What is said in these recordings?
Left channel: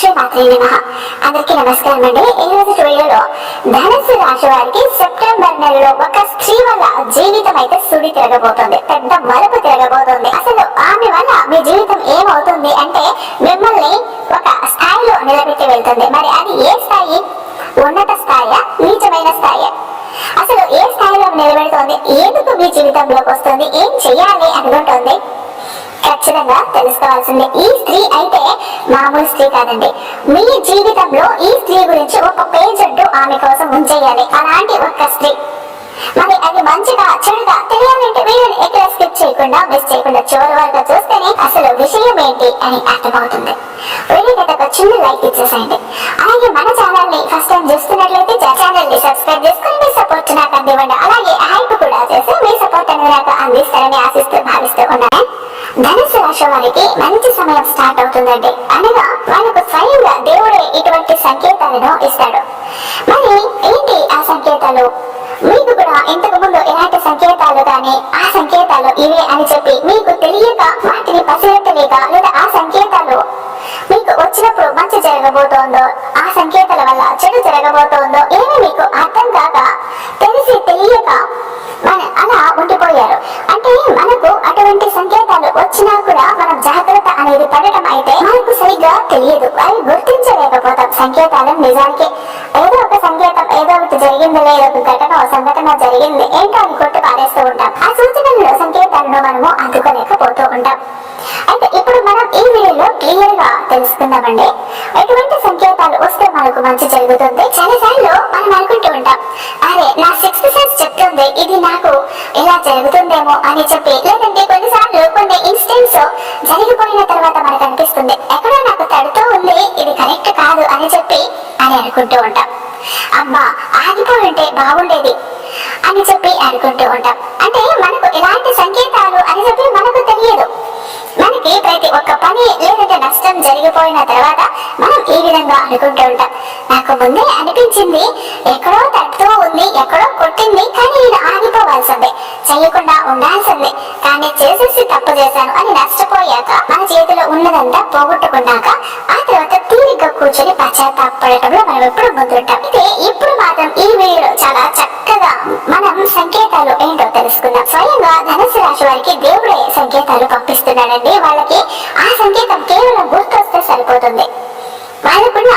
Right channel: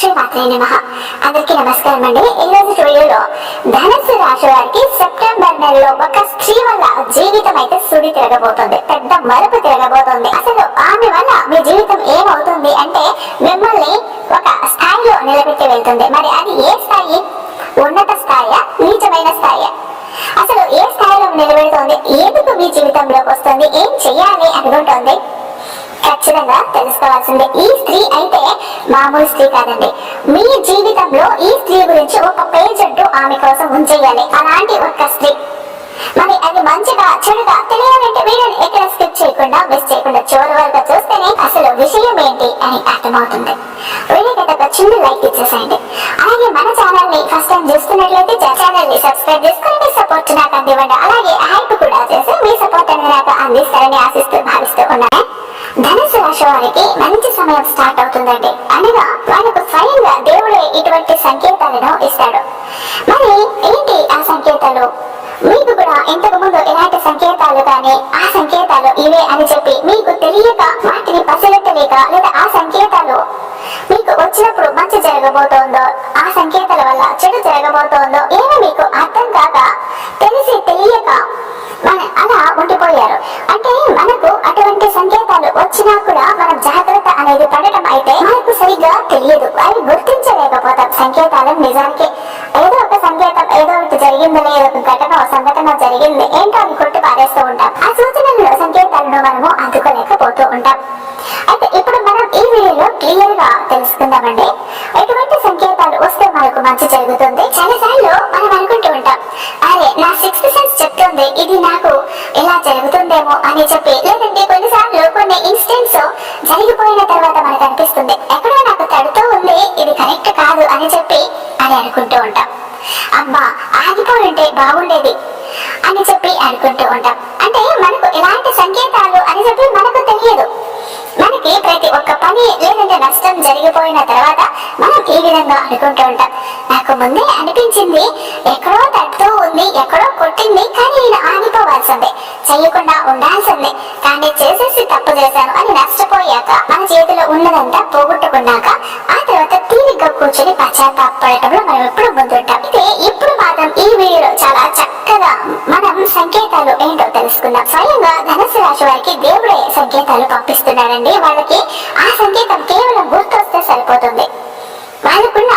శ్రీమాత్రి నమ అందరికీ నమస్కారం అండి. ఈ రోజు స్టూడియోలో ధనస్సు రాశి వారికి సెప్టెంబర్ నెలలో ఒక స్త్రీ వల్ల జీవితం అయితే సుడి తిరగబోతుంది. పెద్ద మలుపు తిరగబోతుంది. అసలు ఆమె వల్ల మీ జీవితం ఏమవుతుంది అంటే మిమ్మల్ని ఒక స్థాయిలో నిలబెట్టి వెళ్తుంది. మరి అది ఏ స్థాయి? ఉన్నత స్థాయి? నీచమైన స్థాయి? అసలు ఏ స్థాయిలో నిలబెడుతోంది? ఎందుకు మీ జీవితంలోకి వస్తుంది? ఏం చెయ్యాలి అనుకుంటుంది? ఖచ్చితంగా తెలుసుకోవాల్సిందే. ఈ స్త్రీ అయితే మామూలు స్త్రీ కాదండి. మీ జీవితంలో ఈ స్త్రీ గురించి ఒక పేజ్ అంటూ ఆమె కోసం ఉంచేయాలి. అలాంటి ఒక స్త్రీ. మరి అది మంచిగా చెడుగా తెలియాలంటే వీడియోని ఎక్కడ స్కిప్ చేయకుండా మిస్ చేయకుండా చివరి వరకు చూస్తేనే అసలు విషయం ఏంటి అని అర్థమవుతుంది. వీడియోకి ఒక చిన్న లైక్ ఇచ్చేసేయండి. అలాగే మన ఛానల్ని ఫస్ట్ టైం చూస్తున్నట్లయితే ఛానల్ని సబ్స్క్రైబ్ చేసుకోండి సపోర్ట్ నాకు అందివ్వండి. అలాగే హైప్ కూడా చేసి మీ సపోర్ట్ అనేది నాకు అందిస్తారని ఆశిస్తూ భావిస్తూ ఉన్నాను. ధనుసు రాశి వారికి మంచి సమయం స్టార్ట్ అవుతుందండి. అనగా వాళ్ళకు స్వయంగా దేవుడే ఇటువంటి సంకేతాలను ఇస్తాడు. మరి ఏంటి ఆ సంకేతాలు? మీకు కూడా ఇంతకు ముందు ఎలాంటి సంకేతాలు కానీ ఆ సంకేతాలు ఇవే అని చెప్పి మీకు తెలియక వాటిని పసిగట్టలేక లేదా ఆ సంకేతాలు మీకు వచ్చినప్పుడు మంచి జరగబోతోందో ఆ సంకేతాలు వల్ల చెడు జరగబోతోందో ఏమీ మీకు అర్థం కాక తెలిసి తెలియక మన అలా ఉండిపోయారు. అంటే మనకు అటువంటి సంకేతాలు వచ్చినా కూడా మనం జాగ్రత్త అనేది పడటం అయితే మనకు సరిగ్గా తెలియదు. అవి గుర్తించలేకపోతాం. సంకేతాలను నిజానికి ఏదో ఒక సంకేతం ఏదో ఒకటి జరిగింది లేదా ఒక ఘటన సంఘటన జరిగింది ఏంటో అని కొట్టు పారేస్తూ ఉంటాం. ఆ సూచనలలో సంకేతాలను మనము అందుకోలేకపోతూ ఉంటాం. అయితే ఇప్పుడు మనం ఈ వీడియోలో క్లియర్గా తెలుసుకుందామండి. ఎటువంటి సంకేతాలు వస్తే మనకు మన మంచి జరుగుతుంది. చాలా సార్లు మనం అనుకుంటూ ఉంటాం అరే నా సిక్స్త్ సెన్స్ చెప్తుంది ఇది నాకు ఇలా జరుగుతుందేమో అని చెప్పి. లేదంటే కొన్నిసార్లు కొన్ని ఇన్స్టెంట్స్ జరిగిపోయిన తర్వాత మనకు అనిపిస్తుంది ఎక్కడో నాకు తడుతూ ఉంది ఇది కరెక్ట్ కాదు అని చెప్పి అని అనుకుంటూ ఉంటాం. అబ్బా ఆగిపోయి ఉంటే బాగుండేది అని చెప్పి అనుకుంటూ ఉంటాం. అంటే మనకు ఎలాంటి సంకేతాలు అని చెప్పి మనకు తెలియదు. మనకి ప్రతి ఒక్క పని లేదంటే నష్టం జరిగిపోయిన తర్వాత మనం ఈ విధంగా అనుకుంటూ ఉంటాం. నాకు ముందే అనిపించింది ఎక్కడో తట్టుతూ ఉంది ఎక్కడో కొట్టింది కానీ నేను ఆగిపోవాల్సిందే చేయకుండా ఉండాల్సిందే. కానీ చేసేసి తప్పు చేశాను అని నష్టం నష్టపోయాక మన చేతిలో ఉన్నదంతా పోగొట్టుకున్నాక ఆ తర్వాత తీరిగ్గా కూర్చొని పశ్చాత్తాపడటంలో మనం ఎప్పుడు ముందుంటాం. ఇదే ఇప్పుడు మాత్రం ఈ వీడియోలో చాలా చక్కగా మనం సంకేతాలు ఏంటో తెలుసుకుందాం. స్వయంగా ధనుసు రాశి వారికి దేవుడే సంకేతాలు పంపిస్తున్నాడండి. వాళ్ళకి ఆ సంకేతం కేవలం గుర్తొస్తే సరిపోతుంది. వాళ్ళకున్న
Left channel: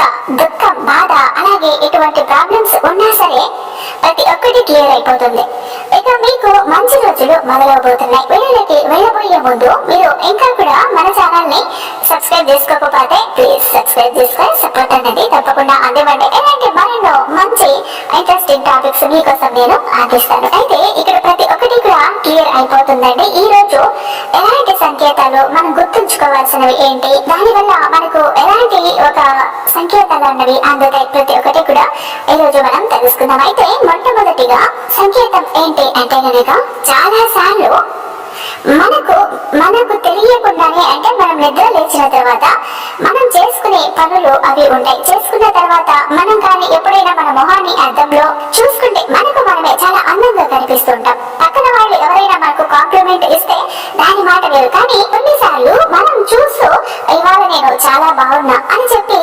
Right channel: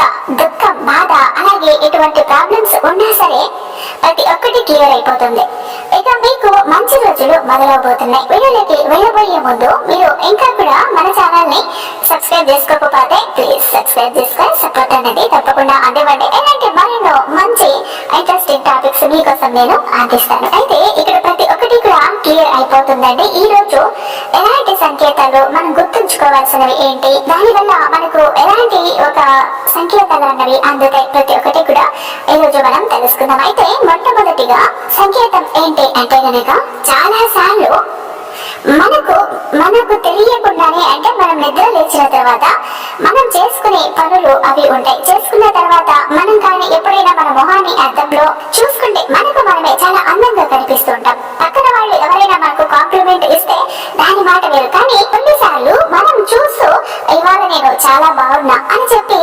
ఒక దుఃఖం బాధ అలాగే ఎటువంటి ప్రాబ్లమ్స్ ఉన్నా సరే ప్రతి ఒక్కటి క్లియర్ అయిపోతుంది. ఇక మీకు మంచి రోజులు మొదలవబోతున్నాయి. వీడియోలోకి వెళ్ళబోయే ముందు మీరు ఇంకా కూడా మన ఛానల్ని సబ్స్క్రైబ్ చేసుకోకపోతే ప్లీజ్ సబ్స్క్రైబ్ చేసుకొని సపోర్ట్ అనేది తప్పకుండా అందివ్వండి. ఇలాంటి మరెన్నో మంచి ఇంట్రెస్టింగ్ టాపిక్స్ మీకోసం నేను అందిస్తాను. అయితే ఇక్కడ ప్రతి ఒక్కటి కూడా క్లియర్ అయిపోతుందండి. ఈ రోజు ఎలా సంకేతాలు మనం గుర్తుంచుకోవాల్సినవి ఏంటి? దాని వల్ల మనకు ఎలాంటి ఒక సంకేతాలు అన్నవి అందుతాయి ప్రతి ఒక్కటి కూడా ఈ రోజు మనం తెలుసుకుందాం. అయితే మొట్టమొదటిగా సంకేతం ఏంటి అంటే గనక చాలా సార్లు మనకు మనకు తెలియకుండానే అంటే మనం నిద్ర లేచిన తర్వాత మనం చేసుకునే పనులు అవి ఉంటాయి. చేసుకున్న తర్వాత మనం కానీ ఎప్పుడైనా మన మొహాన్ని అద్దంలో చూసుకుంటే మనకు మనమే చాలా అందంగా కనిపిస్తుంది. మనకు కాంప్లిమెంట్ ఇస్తే దాని మాట వేరు. కానీ కొన్నిసార్లు మనం చూస్తూ ఇవాళ నేను చాలా బాగున్నా అని చెప్పి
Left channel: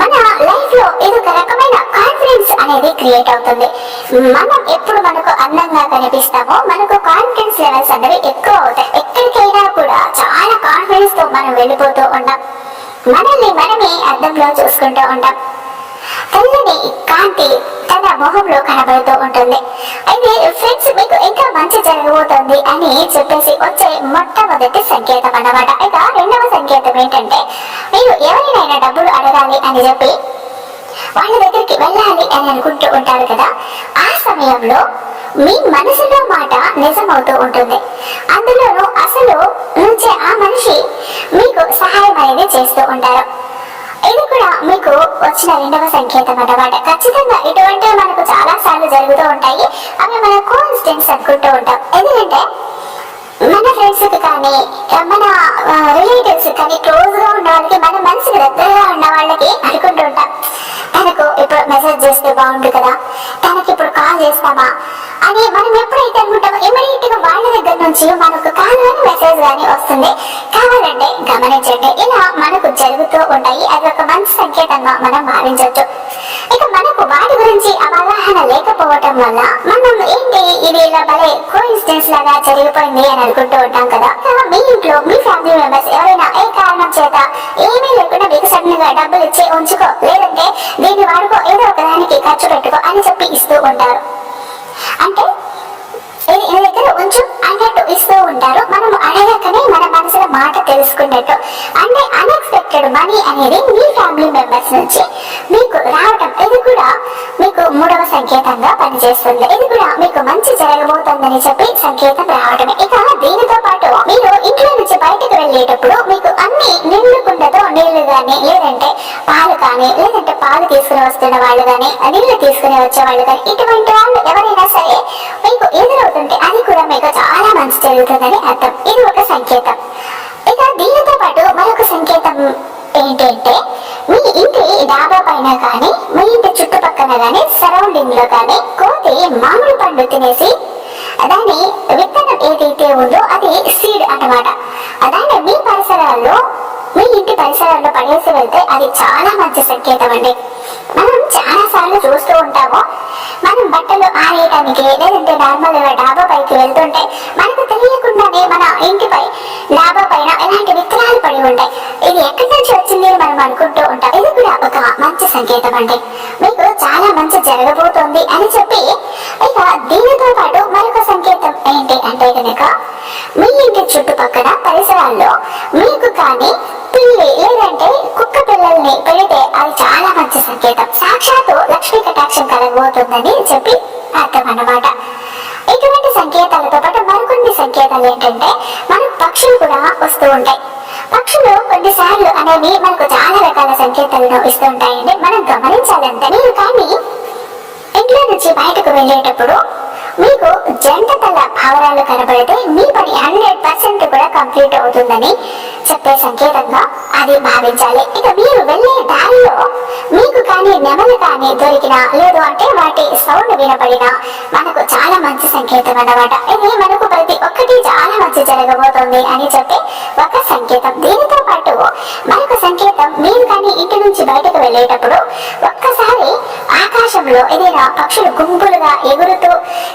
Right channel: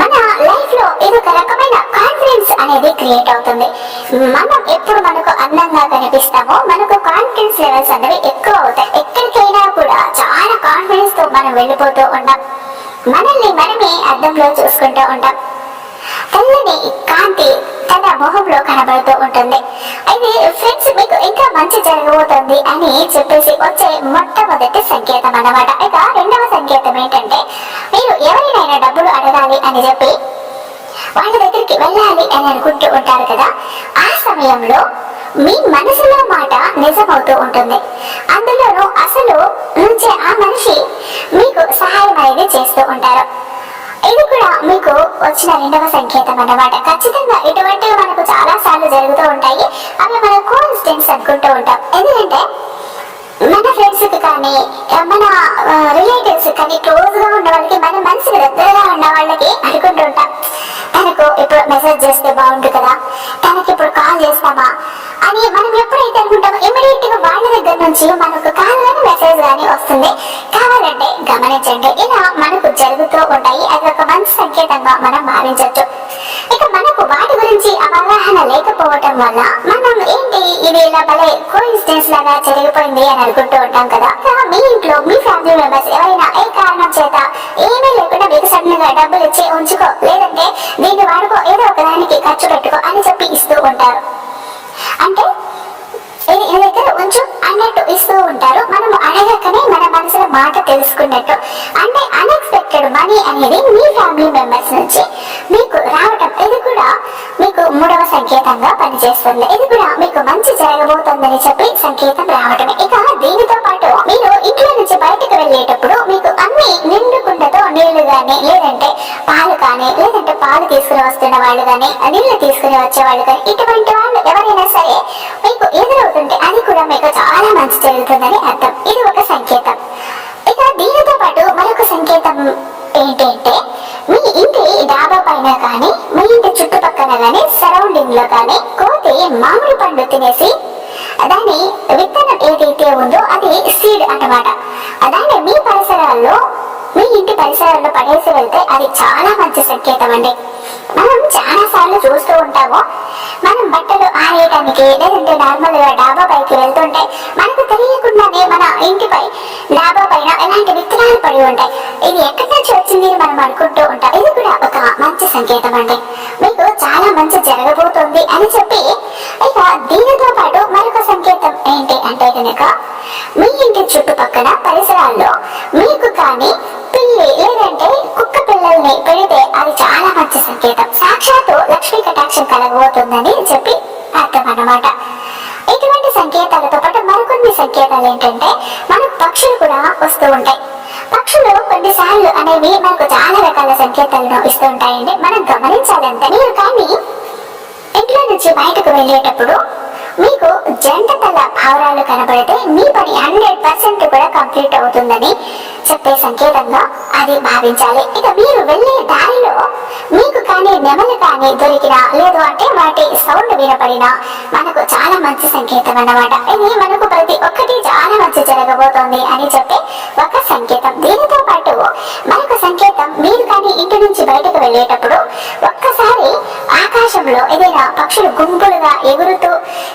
మన లైఫ్లో ఏదో ఒక రకమైన కాన్ఫిడెన్స్ అనేది క్రియేట్ అవుతుంది. మనం ఎప్పుడు మనకు అందంగా కనిపిస్తామో మనకు కాన్ఫిడెన్స్ లెవెల్స్ అనేవి ఎక్కువ అవుతాయి. ఎక్కడికైనా కూడా చాలా కాన్ఫిడెన్స్తో మనం వెళ్ళిపోతూ ఉంటాం. మనల్ని మనమే అద్దంలో చూసుకుంటూ ఉంటాం. తెల్లని కాంతి తన మొహంలో కనబడుతూ ఉంటుంది. అయితే ఫ్రెండ్స్ మీకు ఇంకా మంచి జరగబోతుంది అని చెప్పేసి వచ్చే మొట్టమొదటి సంకేతం అన్నమాట. ఇక రెండవ సంకేతం ఏంటంటే మీరు ఎవరినైనా డబ్బులు అడగాలి అని చెప్పి వాళ్ళ దగ్గరికి వెళ్ళాలి అని అనుకుంటూ ఉంటారు కదా ఆ సమయంలో మీ మనసులో మాట నిజమవుతూ ఉంటుంది. అందులోనూ అసలు నుంచే ఆ మనిషి మీకు సహాయం అనేది చేస్తూ ఉంటారు. ఇది కూడా మీకు వచ్చిన రెండవ సంకేతం అన్నమాట. ఖచ్చితంగా ఇటువంటివి మనకు చాలా సార్లు జరుగుతూ ఉంటాయి. అవి మన కోఇన్సిడెంట్స్ అనుకుంటూ ఉంటాం. ఎందుకంటే మన ఫ్రెండ్స్కి కానీ మన రిలేటివ్స్ కానీ క్లోజ్గా ఉన్న వాళ్ళకి మన మనసుకి దగ్గరగా ఉన్న వాళ్ళకి అనుకుంటుంటాం తనకు ఇప్పుడు మెసేజ్ చేస్తే బాగుండు కదా? తనకి ఇప్పుడు కాల్ చేస్తామా? అని మనం ఎప్పుడైతే అనుకుంటామో ఇమ్మీడియట్గా వాళ్ళ దగ్గర నుంచి మనకు కాల్ కానీ మెసేజ్ కానీ వస్తుంది కావాలంటే గమనించండి. ఇలా మనకు జరుగుతూ ఉంటాయి. అది ఒక మంచి సంకేతంగా మనం భావించవచ్చు ఇక మనకు వాటి గురించి అవగాహన లేకపోవటం వల్ల మనం ఏంటి ఇది ఇలా భలే కోఇన్సిడెన్స్ లాగా జరిగిపోయింది అని అనుకుంటూ ఉంటాం కదా. మీ ఇంట్లో మీ ఫ్యామిలీ మెంబర్స్ ఎవరైనా ఏ కారణం చేత ఏమీ లేకుండా మీకు సడన్గా డబ్బులు ఇచ్చి ఉంచుకో లేదంటే దీన్ని వాడుకో ఏదో ఒక దానికి ఖర్చు పెట్టుకో అని చెప్పి ఇస్తూ ఉంటారు. అంటే ఇది నీ దగ్గర ఉంచు అన్నట్టు ఇస్తూ ఉంటారు. మనం అడగకనే మన మనసులో మాట తెలుసుకున్నట్టు. అంటే అన్ఎక్స్పెక్టెడ్ మనీ అనేది మీ ఫ్యామిలీ మెంబర్స్ నుంచి మీకు రావటం ఇది కూడా మీకు మూడవ సంకేతంగా పనిచేస్తుంది. ఇది కూడా మీకు మంచి జరగబోతుందని చెప్పి సంకేతం రావటమే. ఇక దీనితో మీరు ఇంట్లో నుంచి బయటకు వెళ్ళేటప్పుడు మీకు అన్ని నిండు కుండతో నీళ్ళు కానీ లేదంటే పాలు కానీ లేదంటే పాలు తీసుకుని వస్తున్న వాళ్ళు కానీ నీళ్ళు తీసుకుని వచ్చే వాళ్ళు కానీ ఇటువంటి వాళ్ళు ఎవరైనా సరే మీకు ఎదురవుతుంటే అది కూడా మీకు చాలా మంచి జరుగుతుందని అర్థం. ఇది ఒక సంకేతం. ఇక దీనితో పాటు మరొక సంకేతం ఏంటంటే మీ ఇంటి డాబా పైన కానీ మీ ఇంటి చుట్టుపక్కన కానీ సరౌండింగ్లో కానీ కోతి మామిడి పండు తినేసి దాని విత్తనం ఏదైతే ఉందో అది సీడ్ అనమాట దాన్ని మీ పరిసరాల్లో మీ ఇంటి పరిసరాల్లో పడేసి వెళ్తే అది చాలా మంచి సంకేతం అండి. మనం చాలా సార్లు చూస్తూ ఉంటాము మనం బట్టలు ఆరేయడానికి లేదంటే నార్మల్గా డాబా పైకి వెళ్తుంటే మనకు తెలియకుండానే మన ఇంటిపై డాబా పైన ఎలాంటి విత్తనాలు పడి ఉంటాయి. ఇది ఎక్కడి నుంచి వచ్చింది అని మనం అనుకుంటూ ఉంటాం. ఇది కూడా ఒక మంచి సంకేతం అండి. మీకు చాలా మంచి జరగబోతోంది అని చెప్పి ఇక దీనితో పాటు మరొక సంకేతం ఏంటి అంటే కనుక మీ ఇంటి చుట్టుపక్కల పరిసరాల్లో మీకు కానీ పిల్లి లేదంటే కుక్క పిల్లల్ని పెడితే అది చాలా మంచి సంకేతం. సాక్షాత్తు లక్ష్మీ కటాక్షం కలగబోతుందని చెప్పి అర్థం అన్నమాట. ఇటువంటి సంకేతాలతో పాటు మరికొన్ని సంకేతాలు ఏంటంటే మనకు పక్షులు కూడా వస్తూ ఉంటాయి. పక్షులు కొన్నిసార్లు అనేవి మనకు చాలా రకాల సంకేతాలను ఇస్తూ ఉంటాయండి. మనం గమనించాలంటే మీరు కానీ ఇంట్లో నుంచి బయటకు వెళ్ళేటప్పుడు మీకు జంట తల భావరాలు కనబడితే మీ పని హండ్రెడ్ పర్సెంట్ కూడా కంప్లీట్ అవుతుందని చెప్పే సంకేతంగా అది భావించాలి ఇక మీరు వెళ్ళే దారిలో మీకు కానీ నెమలు కానీ దొరికినా లేదు అంటే వాటి సౌండ్ వినపడినా మనకు చాలా మంచి సంకేతం అన్నమాట. ఇది మనకు ప్రతి ఒక్కటి చాలా మంచి జరగబోతోంది అని చెప్పి ఒక సంకేతం. దీనితో పాటు మరొక సంకేతం మీరు కానీ ఇంటి నుంచి బయటకు వెళ్ళేటప్పుడు ఒక్కసారి ఆకాశంలో ఏదైనా పక్షులు గుంపులుగా ఎగురుతూ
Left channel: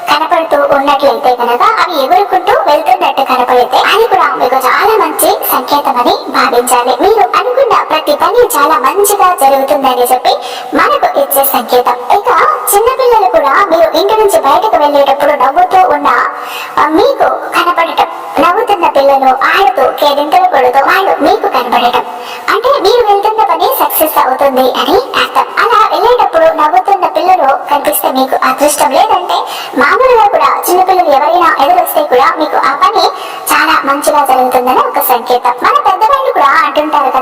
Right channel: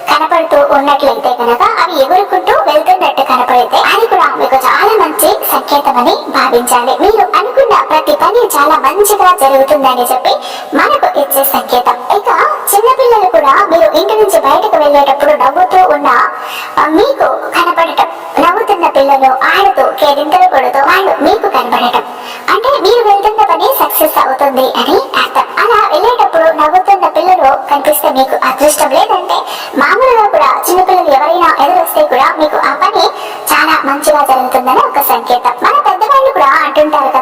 కనపడుతూ ఉన్నట్లయితే కనుక అవి ఎగురుకుంటూ వెళ్తున్నట్టు కనపడితే అది కూడా మీకు చాలా మంచి సంకేతం అని భావించాలి. మీరు అనుకున్న ప్రతి పని చాలా మంచిగా జరుగుతుందని చెప్పి మనకు ఇచ్చే సంకేతం. ఇక చిన్నపిల్లలు కూడా మీరు ఇంటి నుంచి బయటకు వెళ్ళేటప్పుడు నవ్వుతూ ఉన్న మీకు కనపడటం నవ్వుతున్న పిల్లలు ఆడుతూ కేరింతలు కొడుతూ వాళ్ళు మీకు కనపడటం. అంటే మీరు వెళ్తున్న పని సక్సెస్ అవుతుంది అని అర్థం. అలా వెళ్ళేటప్పుడు నవ్వుతున్న పిల్లలు కనిపిస్తే మీకు అదృష్టం లేదంటే మామూలుగా కూడా చిన్నపిల్లలు ఎవరైనా ఎదురొస్తే కూడా మీకు ఆ పని చాలా మంచిగా జరుగుతుందని ఒక సంకేతం. మన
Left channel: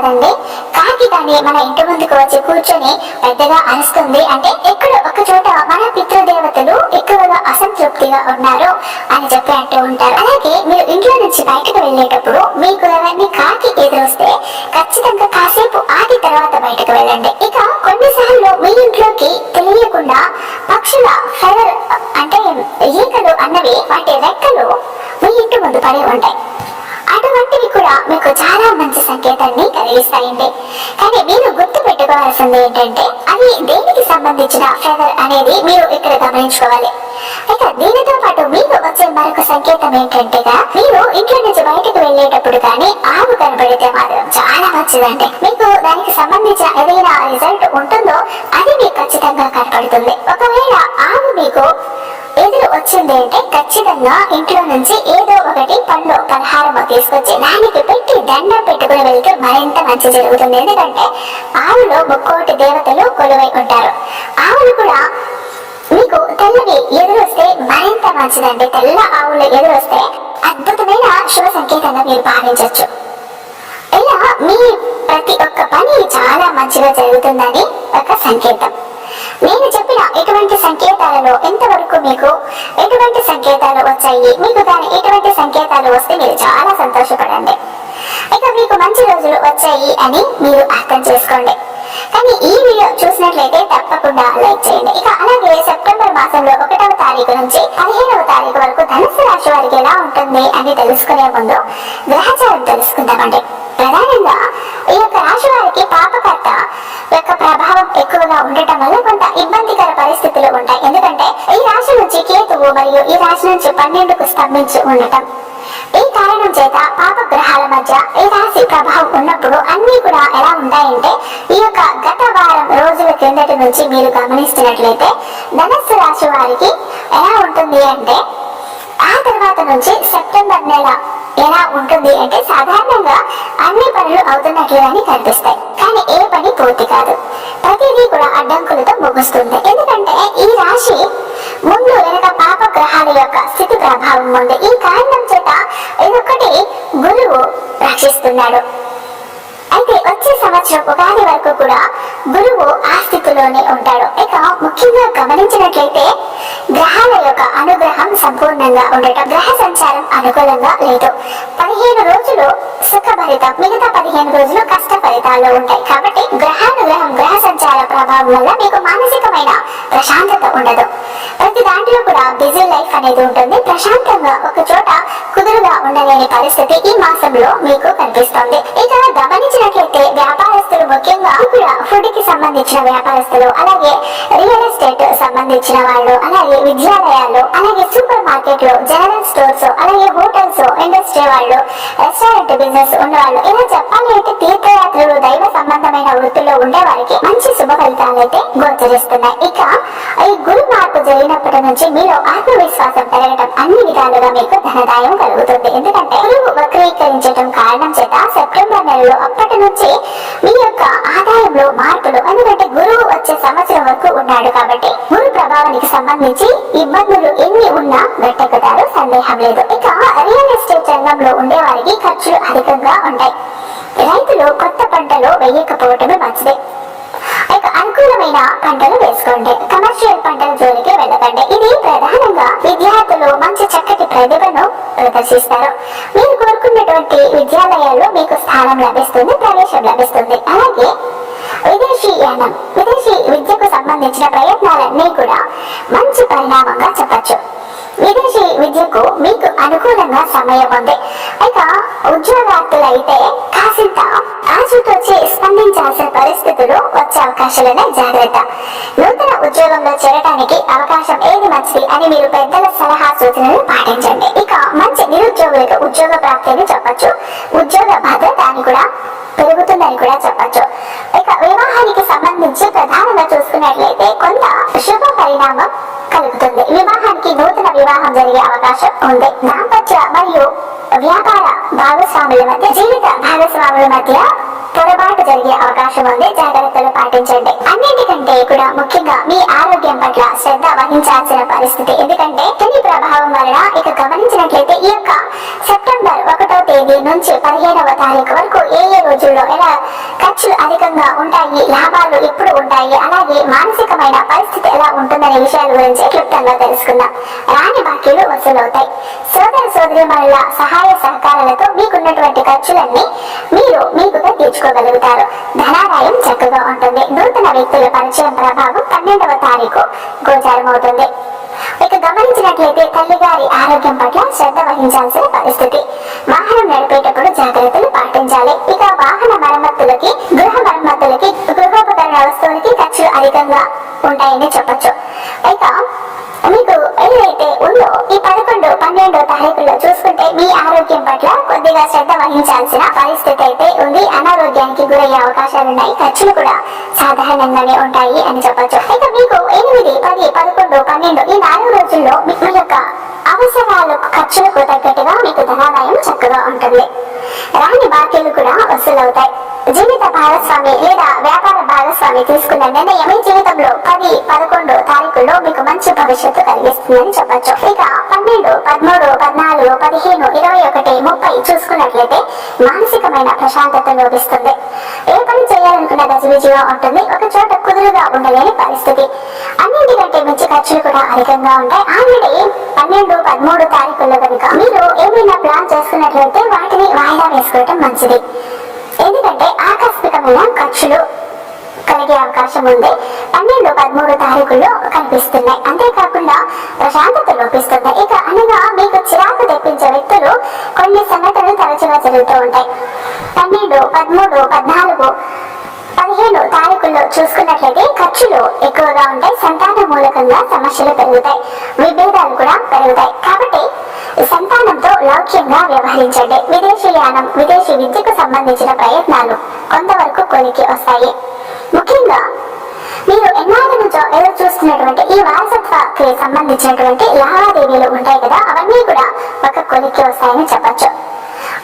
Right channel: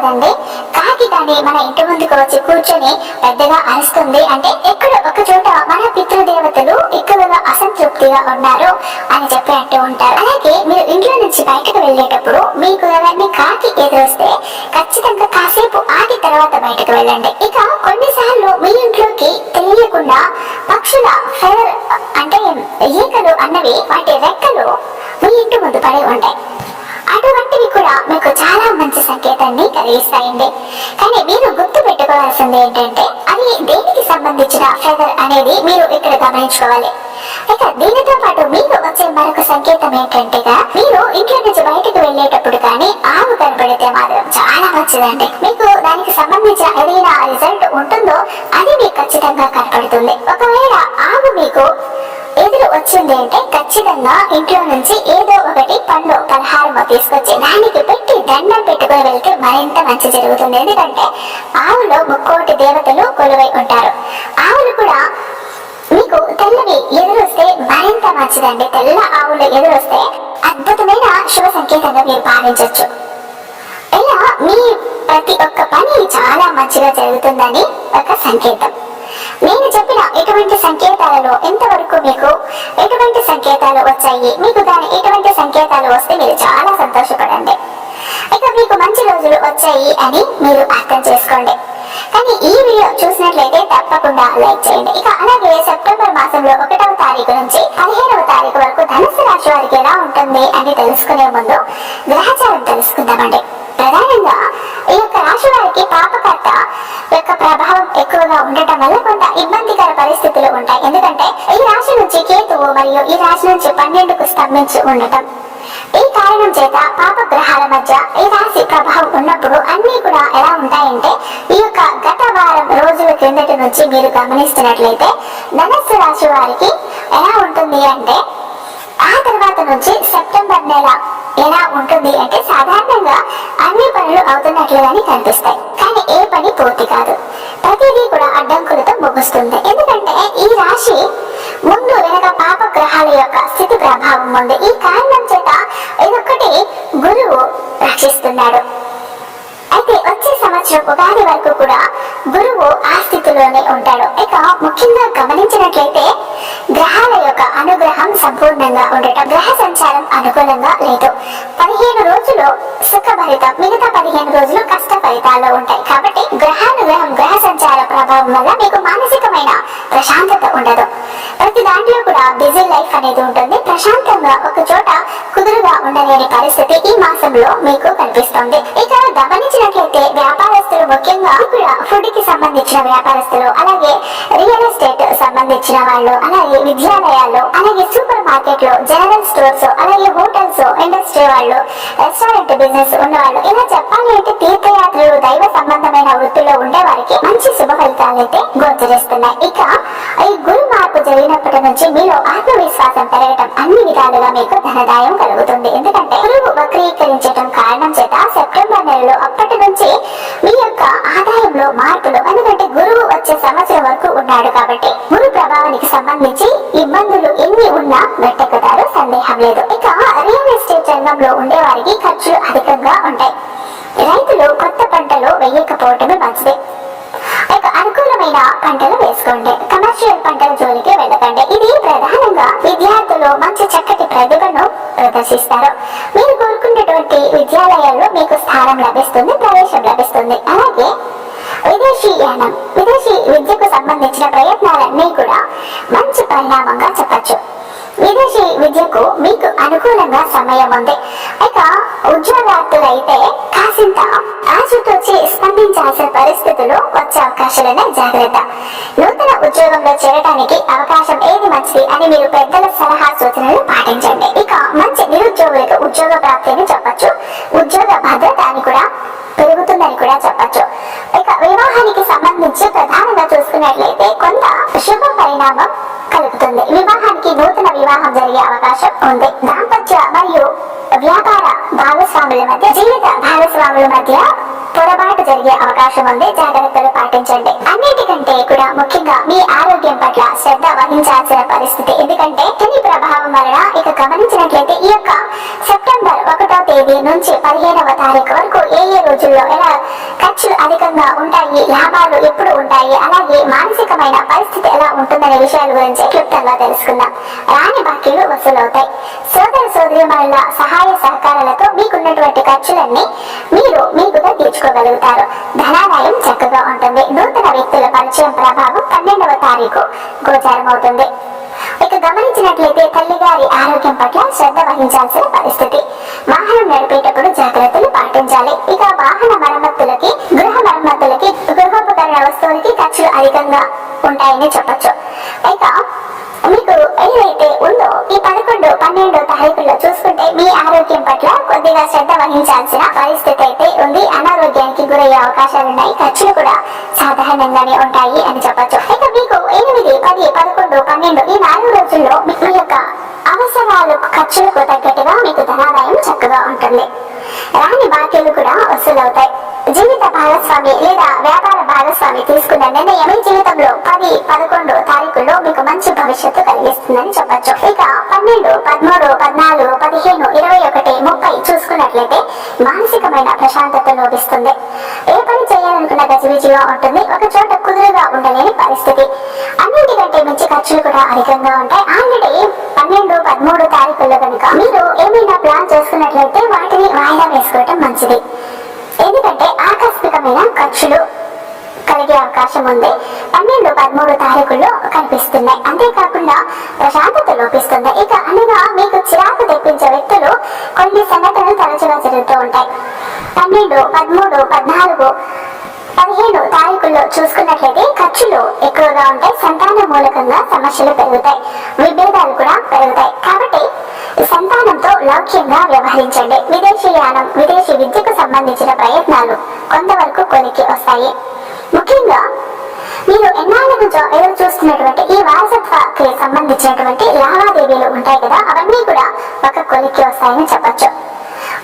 అంటుంటారు కాకి కానీ మన ఇంటి ముందుకు వచ్చి కూర్చొని పెద్దగా అరుస్తుంది అంటే ఎక్కడ ఒక చోట మన పితృదేవతలు ఎక్కువగా అసంతృప్తిగా ఉన్నారు అని చెప్పి అంటూ ఉంటారు. అలాగే మీరు ఇంట్లో నుంచి బయటకు వెళ్ళేటప్పుడు మీకు ఎవరిని కాకి ఎదురొస్తే ఖచ్చితంగా కాసేపు ఆగి తర్వాత బయటకు వెళ్ళండి. ఇక కొన్నిసార్లు మీ ఇంట్లోకి తెలియకుండా పక్షుల ఫెదర్ అంటే ఈకలు అన్నవి వాటి రెక్కలు మీ ఇంటి ముందు పడి ఉంటాయి. సంకేతాన్ని కానీ మీరు గుర్తు పెట్టుకోవాల్సింది ఏంటంటే అవి దేనికి సంబంధించిన ఫెదర్ అనేది మీరు ఇక్కడ గమనించుకోవాలి. ఇక దీనితో పాటు మీకు వచ్చే మరొక సంకేతం ఏంటంటే మీరు ఇంట్లో నుంచి బయటకు వెళ్ళేటప్పుడు కానీ ఆవు కనబడితే మాత్రం చాలా మంచిదండి. మీకు దానికి సంబంధించిన ఏదైనా రిజల్ట్ ఉంటుందో అది మీకు ఖచ్చితంగా కనపడుతుంది. ఒకవేళ ఆవు మీకు ఎదురు వచ్చింది అంటే ఖచ్చితంగా ఇంట్లో నుంచి ఏదో ఒకటి పండు పలహారము తీసుకొచ్చి దానికి దండం పెట్టుకుని వెళ్తే మరింత మంచి జరుగుతుంది. ఎందుకంటే ఆవులో ముక్కోటి దేవతలు కొలువై ఉంటారు. ఆవులు కూడా మీకు తెల్లవి ఎదురొస్తే మరింత మంచిదండి. తెల్ల ఆవులు ఎదురొస్తే అద్భుతమైన శుభ సంకేతంగా మీరు భావించవచ్చు ఇలా మీ ప్రతి ఒక్క పని చాలా మంచిగా జరుగుతుందని ఒక సంకేతం. నేను చెప్పిన ఎటువంటి సంకేతాలలో ఎంతవరకు మీకు ఎటువంటి సంకేతాలు వచ్చాయి? మీకు దాని ఎటువంటి సంకేతాలు వస్తే మీరు చాలా సంతోషపడండి. ఇక మీకు మంచి రోజులు వచ్చాయి అని మీరు అర్థం చేసుకోండి. కానీ ఈ వీడియో చూసినట్లయితే తప్పకుండా లైక్ చేయండి. ఇక అలాగే సెప్టెంబర్ మాసంలో ఒకటవ తారీఖు నుంచి పదిహేనవ తారీఖు వరకు ధనుసు రాశి వారికి ఎలా ఉంటుంది అని తెలుసుకునే ముందు గ్రహచారం తెలుసుకుందామండి. ప్రధానంగా ఈ యొక్క రాశి వారికి ఎక్కువగా ఉండటం వల్ల కొంత ఇబ్బందికర పరిస్థితులు ఉంటాయి. ఎందుకంటే ఈ రాశి నుంచి కేతువు మరియు ఈ రాశి నుంచి పన్నెండుకు స్తంభించి ఉండటం. ఈ కారణం చేత పాప గ్రహాల మధ్య ఈ రాశి ప్రభావం ఉన్నప్పుడు అన్ని కూడా ఎలా ఉంటాయంటే ఈ యొక్క గత వారం రోజుల క్రిందటి నుంచి మీరు గమనిస్తున్నట్లయితే ధనస్సు రాశి వారికి ఎలా ఉంటుంది అంటే ఆ తర్వాత నుంచి సెప్టెంబర్ నెల ఎలా ఉంటుంది అంటే సాధారణంగా అన్ని పనులు అవుతున్నట్లుగానే కనిపిస్తాయి. కానీ ఏ పని పూర్తి కాదు. ప్రతిదీ కూడా అడ్డంకులతో ముగుస్తుంది. ఎందుకంటే ఈ రాశి ముందు వెనక పాప గ్రహాల యొక్క స్థితి ప్రభావం ఉంది. ఈ కారణం చేత ఇదొక్కటి గురువు రక్షిస్తున్నాడు. అయితే వచ్చే సంవత్సరం ఉగాది వరకు కూడా గురువు ఆ స్థితిలోనే ఉంటాడు. ఇక ముఖ్యంగా గమనించినట్లయితే గ్రహాల యొక్క అనుగ్రహం సంపూర్ణంగా ఉండటం గ్రహ సంచారం అనుకూలంగా లేదు. పదిహేను రోజులు సుఖభరితం మిగతా పదిహేను రోజులు కష్ట ఫలితాల్లో ఉంటాయి. కాబట్టి గ్రహానుగ్రహం గ్రహ సంచార ప్రభావం వల్ల మీకు మానసికమైన ప్రశాంతత ఉండదు. ప్రతి దాంట్లో కూడా బిజీ లైఫ్ అనేది ఉంటుంది. ప్రశాంతంగా ఒక చోట కుదురుగా ఉండలేని పరిస్థితి ఈ మాసంలో మీకు కనిపిస్తుంది. ఇక గమనించినట్లయితే వ్యాపారస్తులు ముఖ్యంగా కూడా ఫుడ్కి సంబంధించిన వ్యాపారస్తులు అలాగే రియల్ ఎస్టేట్ సంబంధించిన వాళ్ళు అలాగే విద్యాలయాలు అలాగే సూపర్ మార్కెట్లో జనరల్ స్టోర్స్ అలాగే హోటల్స్ ఇండస్ట్రీ వాళ్ళు రెస్టారెంట్ బిజినెస్ ఉన్న వాళ్ళు ఇలా చెప్పాలి అంటే తీర్థయాత్రలు దైవ సంబంధమైన వృత్తిలో ఉండే వారికి మంచి శుభ ఫలితాలు అయితే గోచరిస్తున్నాయి. ఇక ఈ గురు మార్పు జరిగినప్పటి నుంచి మీలో ఆత్మవిశ్వాసం పెరగటం అన్ని విధాలుగా మీకు ధనదాయం కలుగుతుంది. ఎందుకంటే గురువు వక్రీకరించటం కారణం చేత సెప్టెంబర్ నెలలో అప్పటి నుంచి మీ యొక్క మార్పులు ఎందుకంటే గురువు వచ్చే సంవత్సరం వరకు ఉన్నాడు కాబట్టి గురు ప్రభావానికి సంబంధించి ఇబ్బందులు ఎన్ని ఉన్నా గట్టెక్కుతారు సందేహం లేదు. ఇక రియల్ ఎస్టేట్ రంగంలో ఉండే వారికి ఖర్చులు అధికంగా ఉంటాయి. రైతులు కొత్త పంటలు వేయకపోవటమే మంచిది. ఇక అనుకూలమైన పంటలు వేసుకోండి. కమర్షియల్ పంటల జోలికి వెళ్ళకండి. ఇది ప్రధానంగా విద్యార్థులు మంచి చక్కటి ప్రతిభను ప్రదర్శిస్తారు. మీరు కోరుకున్నటువంటి విద్యాలయాల్లో మీకు స్థానం లభిస్తుంది ప్రవేశం లభిస్తుంది. అలాగే విదేశీ యానం విదేశీ విద్యకు సంబంధించిన ప్రయత్నాలన్నీ కూడా మంచి పరిణామంగా చెప్పచ్చు. విదేశీ విద్యకు మీకు అనుకూలంగా సమయం ఉంది. ఇక ఉద్యోగార్థులైతే కాసింత ఆచితూచి స్పందించాల్సిన పరిస్థితులు వచ్చే అవకాశాలనే జాగ్రత్త. నూతన ఉద్యోగంలో చేరడానికి అవకాశం ఏది మంచిది అని మీరు పెద్దల సలహా సూచనలు పాటించండి. ఇక మంచి నిరుద్యోగులకు ఉద్యోగ ప్రాప్తిని చెప్పచ్చు. ఉద్యోగ భద్రత అని కూడా పెరుగుతుందని కూడా చెప్పచ్చు. వివాహానికి సంబంధించి ప్రధానంగా చూసుకున్నట్లయితే కొంత శుభ పరిణామం కలుగుతుంది. వివాహానికి నూతన వివాహం జరిగే అవకాశం ఉంది. దాంపత్య మరియు వ్యాపార భాగస్వాముల మధ్య జీవిత భాగస్వాముల మధ్య పొరపాటు జరిగే అవకాశం ఉంది. జాగ్రత్తలు పాటించండి. అన్నిటికంటే కూడా ముఖ్యంగా మీ ఆరోగ్యం పట్ల శ్రద్ధ వహించాల్సిన పరిస్థితి. ఎందుకంటే శని ప్రభావం వలన ఇక గమనించినట్లయితే ఈ యొక్క సెప్టెంబర్ ఒకటో తేదీ నుంచి పదిహేడవ తారీఖు వరకు ఏ ఏ రోజుల్లో ఎలా ఖర్చులు అధికంగా ఉంటాయి లాభాలు ఎప్పుడు ఉంటాయి అలాగే మానసికమైన పరిస్థితి ఎలా ఉంటుందనే విషయాల గురించి క్లుప్తంగా తెలుసుకుందాం. రాని బాకీలు వసూలవుతాయి. సోదర సోదరి సహాయ సహకారాలతో మీకున్నటువంటి ఖర్చులన్నీ మీరు మీకుగా తీర్చుకోగలుగుతారు. ధనాదాయం చక్కగా ఉంటుంది. నూతన వ్యక్తుల పరిచయం ప్రభావం పన్నెండవ తారీఖు గోచారమవుతుంది. ఇక గమనించినట్లయితే తల్లిగారి ఆరోగ్యం పట్ల శ్రద్ధ వహించాల్సిన పరిస్థితి. వాహనం నడిపేటప్పుడు జాగ్రత్తలు పాటించాలి. ఇక వాహన మరమ్మతులకి గృహ మరమ్మతులకి గృహోపకరణ వస్తువులకి ఖర్చులు అధికంగా ఉంటాయని చెప్పొచ్చు. ఇక మీకు ఏదైతే ఉందో ఈ పదకొండు పన్నెండో తారీఖుల్లో చూసుకుంటే మీ ఆరోగ్యం పట్ల కొద్దిగా శ్రద్ధ వహించాల్సిన పరిస్థితి అయితే ఉంది. అనారోగ్యానికి గురయ్యే అవకాశాలు ఉన్నాయి ఖర్చులు కూడా సాధారణంగానే ఉంటాయి అని చెప్పొచ్చు. ఇక పదకొండు పన్నెండు ఈ నాలుగు రోజుల్లో మీ యొక్క అవసరాలకు ఖర్చులకు తగ్గట్టుగా మీకు ధనాదాయం చక్కగా ఉంటుంది. రాని బాకీలు కూడా వసూలవుతాయి. జీవిత భాగస్వామి లేదా వ్యాపార భాగస్వామి తీసుకున్న నిర్ణయం మీ జీవితంలో పది పదకొండు తారీఖుల్లో మీకు మంచి భవిష్యత్తు కలిగిస్తుందని చెప్పొచ్చు. ఇక పన్నెండు పదమూడు పద్నాలుగు పదిహేను ఇరవై ఒకటి ముప్పై చూసుకున్నట్లయితే మానసికమైన ప్రశాంతత లోపిస్తుంది. ఏ పని చేయాలనుకున్న గజిబిజిగా ఉంటుంది. ఒక చోట కుదురుగా ఉండలేని పరిస్థితి. అన్నింటికంటే మించి ఖర్చులు కూడా అధికంగా ఉంటాయి. ఆల్రెడీ పన్నెండు పదమూడు తారీఖుల్లో కనుక మీరు ఏమైనా ప్లాన్ చేసుకున్నట్లయితే వాటిని వాయిదా వేసుకోవటం మంచిది. ఎందుకంటే ఆకస్మికమైన ఖర్చులు కలిగే అవకాశం ఉంది. పన్నెండు పదమూడు తారీఖుల్లో కనిపిస్తున్నాయి. అంతేకాకుండా ప్రశాంతత లోపిస్తుంది. ఇక అనగా మీకు చిరాకు తెప్పించే వ్యక్తులు కొన్ని సంఘటనలు తరచుగా జరుగుతూ ఉంటాయి. పన్నెండు పదమూడు పద్నాలుగు పదిహేను తారీఖుల్లో చూసుకున్నట్లయితే ఖర్చులు ఎక్కువగా ఉంటాయి సంతాన మూలకంగా సమస్యలు పెరుగుతాయి విభేదాలు కూడా పెరుగుతాయి. కాబట్టి సంతానంతో లౌక్యంగా వ్యవహరించండి. విదేశీ యానం విదేశీ విద్యకు సంబంధించిన ప్రయత్నాలు కొంతవరకు కొలికి వస్తాయి. ముఖ్యంగా మీరు ఎన్నాళ్ళ నుంచో ఎదురు చూస్తున్నటువంటి ఈ వారసత్వకి సంబంధించినటువంటి లావాదేవీలు ఉంటాయి కదా అవన్నీ కూడా ఒక కొలిక్కి వస్తాయని చెప్పొచ్చు.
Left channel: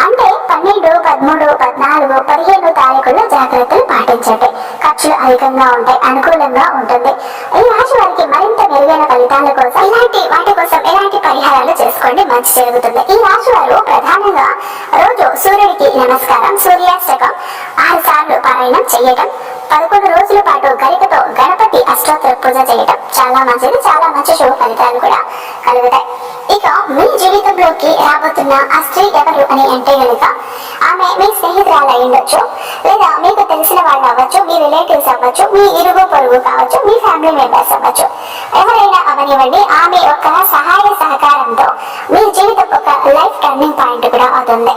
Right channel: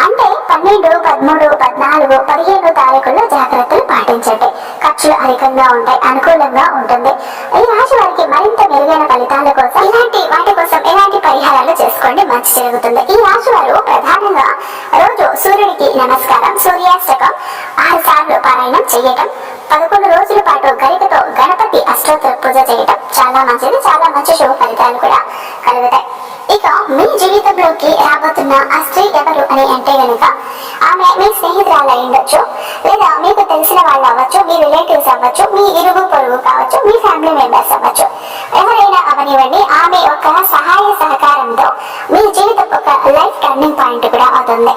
అంటే పన్నెండు పదమూడు పద్నాలుగు పదిహేను తారీఖుల్లో జాగ్రత్తలు పాటించండి. ఖర్చులు అధికంగా ఉంటాయి అనుకూలంగా ఉంటుంది. ఈ రాశి వారికి మరింత మెరుగైన ఫలితాల కోసం ఇలాంటి వాటి కోసం ఎలాంటి పరిహారాలు చేసుకోండి మంచి జరుగుతుంది. ఈ రాశి వారు ప్రధానంగా రోజు సూర్యుడికి నమస్కారం సూర్యాష్టకం ఆరు సార్లు పారాయణం చేయటం పదకొండు రోజుల పాటు గరికతో గణపతి అష్టోత్తర పూజ చేయటం చాలా మంచిది చాలా మంచి శుభ ఫలితాలు కూడా కలుగుతాయి. ఇక మీ జీవితంలోకి రాబోతున్న ఆ స్త్రీ ఎవరు అని అంటే గనుక ఆమె మీ స్నేహితురాలు ఉండొచ్చు లేదా మీకు తెలిసిన వాళ్ళు అవ్వచ్చు మీ రిలేటివ్స్ అవ్వచ్చు మీ ఇరుగు పొరుగు కావచ్చు మీ ఫ్యామిలీ మెంబర్స్ అవ్వచ్చు. ఎవరైనా అవనివ్వండి ఆమె యొక్క సహాయ సహకారంతో మీ జీవితం ఒక లైఫ్ టర్నింగ్ పాయింట్ కూడా అవుతుంది.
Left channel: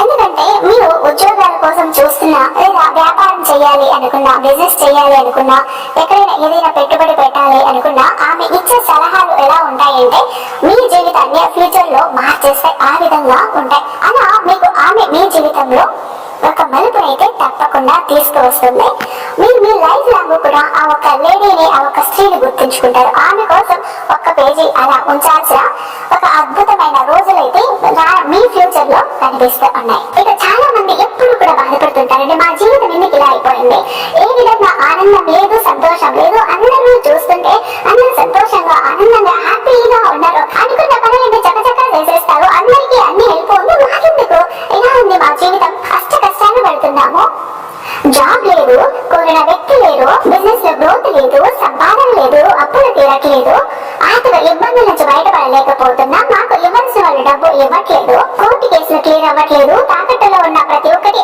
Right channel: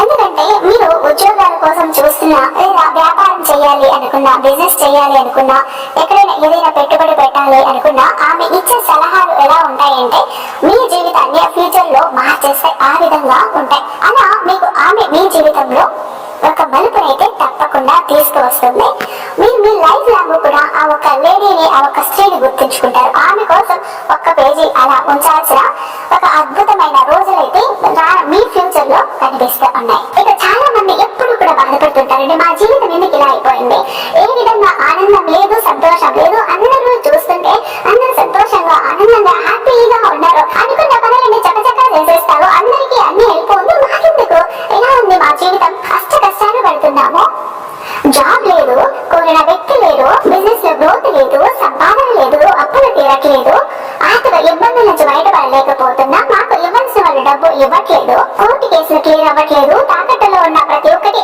ఎందుకంటే మీరు ఉద్యోగాల కోసం చూస్తున్నా లేదా వ్యాపారం చేయాలి అనుకున్న బిజినెస్ చేయాలి అనుకున్నా ఎక్కడైనా ఏదైనా పెట్టుబడి పెట్టాలి అనుకున్నా ఆమె ఇచ్చే సలహాలు ఎలా ఉంటాయంటే మీ జీవితాన్ని ఫ్యూచర్లో మార్చేస్తే ఆ విధంగా ఉంటాయి. అలా మీకు ఆమె మీ జీవితంలో ఒక మలుపునైతే తప్పకుండా తీసుకువస్తుంది. మీరు మీ లైఫ్ లాంగ్ కూడా ఆ ఒక్క లేడీని ఆ ఒక్క స్త్రీని గుర్తుంచుకుంటారు. ఆమె కోసం ఒక్క పేజీ అలా ఉంచాల్సిన ఒక అద్భుతమైన రోజులైతే మీ ఫ్యూచర్లో కనిపిస్తూ ఉన్నాయి. ఇక చాలా మంది ఎప్పుడు కూడా బాధపడుతుంటారండి మా జీవితం ఎందుకు ఇలా అయిపోయింది? ఆనందం లేదు సంతోషం లేదు. అందరూ చూస్తుంటే అందరూ సంతోషంగా ఆనందంగా హ్యాపీగా ఉన్నారు. అనుకున్న పనులన్నీ చకచకా చేసేస్తారు. అందరికీ అన్ని హెల్ప్ ఉంది మాకెందుకు? ఎలా ఉంది మా జీవితం? కష్ట కష్టాలు పడుతున్నాము. జాబ్ లేదు కోరిన వ్యక్తి లేరు బిజినెస్లో గ్రోత్ లేదు సంపాదన లేదు అప్పులు తీరట్లేదు. ఆర్థిక ఇబ్బందుల నుంచి బయటపడలేకపోతున్నా. మాకు ఇవ్వాల్సిన వాళ్ళు డబ్బు ఇవ్వట్లేదు. కోర్టు కేసులు క్లియర్ అవ్వట్లేదు. తాకట్టులో ఉన్న ప్రతి ఒక్కటి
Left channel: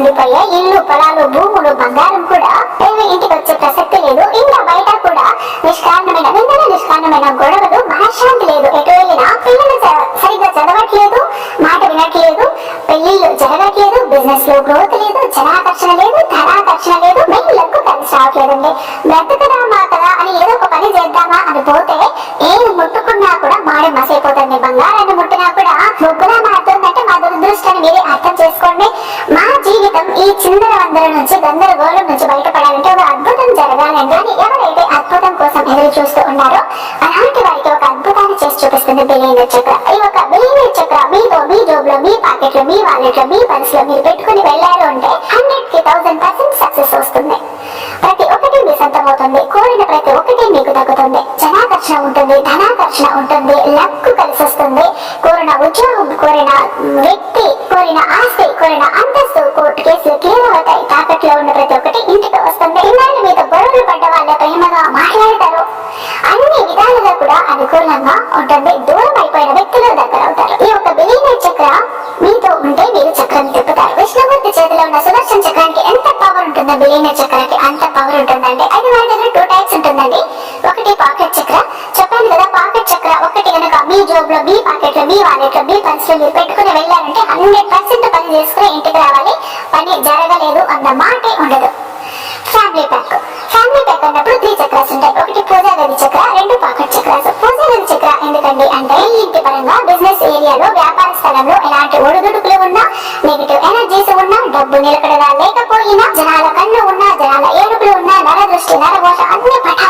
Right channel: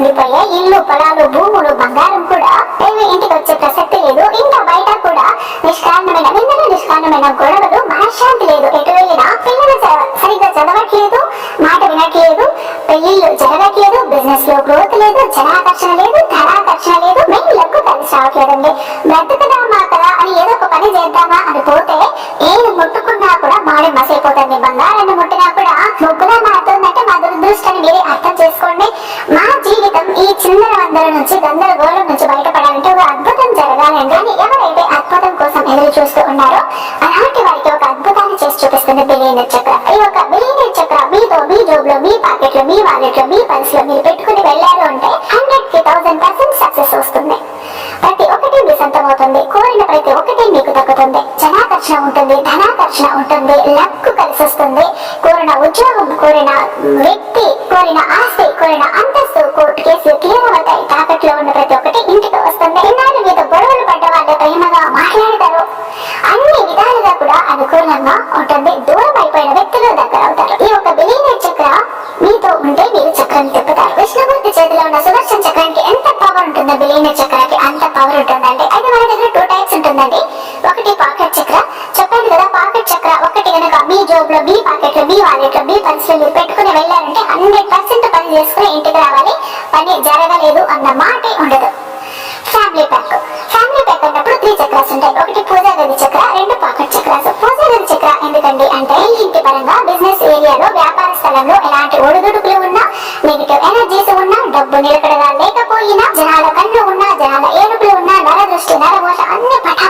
ఉండిపోయే ఇల్లు పొలాలు భూములు బంగారం కూడా ఏమి ఇంటికి వచ్చే ప్రసక్తి లేదు. ఇంకా బయట కూడా నిష్కారణమైన నిన్న నిష్కారణమైన గొడవలు మనశ్శాంతి లేదు. ఎటు వెళ్ళినా పిల్లలు సరిగ్గా చదవట్లేదు మాట వినట్లేదు పెళ్ళిళ్ళు జరగట్లేదు బిజినెస్లో గ్రోత్ లేదు జనాకర్షణ లేదు ధనాకర్షణ లేదు మెయిన్లకు కలిసి రావట్లేదండి. బ్రతుకుదామా కదా అని ఏదో ఒక పని చేద్దామా అని పోతే ఏది ముట్టుకున్నా కూడా మాడి మసైపోతుంది. బంగారాన్ని ముట్టినా కూడా ముగ్గులా మారుతుందంటే అని మీరే అర్థం చేసుకోండి. మా జీవితం ఈ చిందర వందల నుంచి గందరగోళం నుంచి బయటపడాలంటే ఒక అద్భుతం జరగాలండి అని ఎవరైతే అద్భుతం కోసం ఎదురు చూస్తూ ఉన్నారో అలాంటి వారికి ఒక అద్భుతాన్ని చేసి చూపిస్తుంది బిలియనర్ చక్ర. ఈ ఒక బిలియనర్ చక్ర మీతో మీ జోబ్లో మీ పాకెట్లో మీ వాలెట్లో మీ పర్స్లో మీరు పెట్టుకుని వెళ్ళారు అంటే హండ్రెడ్కి థౌసండ్ పర్సెంట్ సక్సెస్ వస్తుంది. ప్రతి ఒక్కటి మీ సొంతం అవుతుంది. కోరిన ప్రతి ఒక్కటి మీకు తగ్గుతుంది జనాకర్షణ ఉంటుంది ధనాకర్షణ ఉంటుంది లక్ కలిసి వస్తుంది. కోరిన ఉద్యోగం కోరిన వ్యక్తి కోరిన ఆస్తి అంతస్తు కోర్టు కేసులు క్లియర్ అవుతాయి తాకట్లో ఉన్న ప్రతి ఒక్కటి ఇంటికి వస్తుంది. ఇన్నాళ్ళు మీతో గొడవలు పడ్డ వాళ్ళ ప్రేమగా మాట్లాడతారు. అన్ని విధాలుగా కూడా అనుకూలంగా ఉంటుంది. దూరం అయిపోయిన వ్యక్తులు దగ్గర అవుతారు. ఈ యొక్క బిలీనర్ చక్ర మీతో ఉంటే మీరు చక్రం తిప్పుతారు. విష్ణుమూర్తి చేతిలో ఉన్న సుదర్శన చక్రానికి ఎంత పవర్ ఉంటుందో బిలీనర్ చక్రానికి అంత పవర్ ఉంటుందండి. అయితే మన దగ్గర టూ టైప్స్ ఉంటుందండి. ఒకటి పాకెట్ చక్ర. చెప్పాను కదా పాకెట్ చక్ర ఒకటి కనుక మీ జోబ్లో మీ పాకెట్లో మీ వాలెట్లో మీ అసలు పెట్టుకుని వెళ్ళారంటే హండ్రెడ్ పర్సెంట్ పని చేసుకుని ఇంటికి రావాలి. పని జరగలేదు అన్న మాటే ఉండదు. ఫ్యామిలీ ప్యాక్ ఫ్యామిలీ ప్యాక్ అన్నప్పుడు త్రీ చక్రాస్ ఉంటాయి. ఒకటి పూజా గది చక్ర రెండు పాకెట్ చక్రాస్. పూజా గది చక్ర ఎందుకండి అంటే ఇంటి పరంగా బిజినెస్ ఏరియాలో వ్యాపార స్థలంలో ఎలాంటి ఒడిదుడుకులు ఉన్నా నెగిటివ్ ఎనర్జీస్ ఉన్నా డబ్బు నిలకడగా లేకపోయినా జనాల కళ్ళు ఉన్నా జనాల ఏడుపులు ఉన్నా నర దృష్టి నరఘోష అన్ని పటా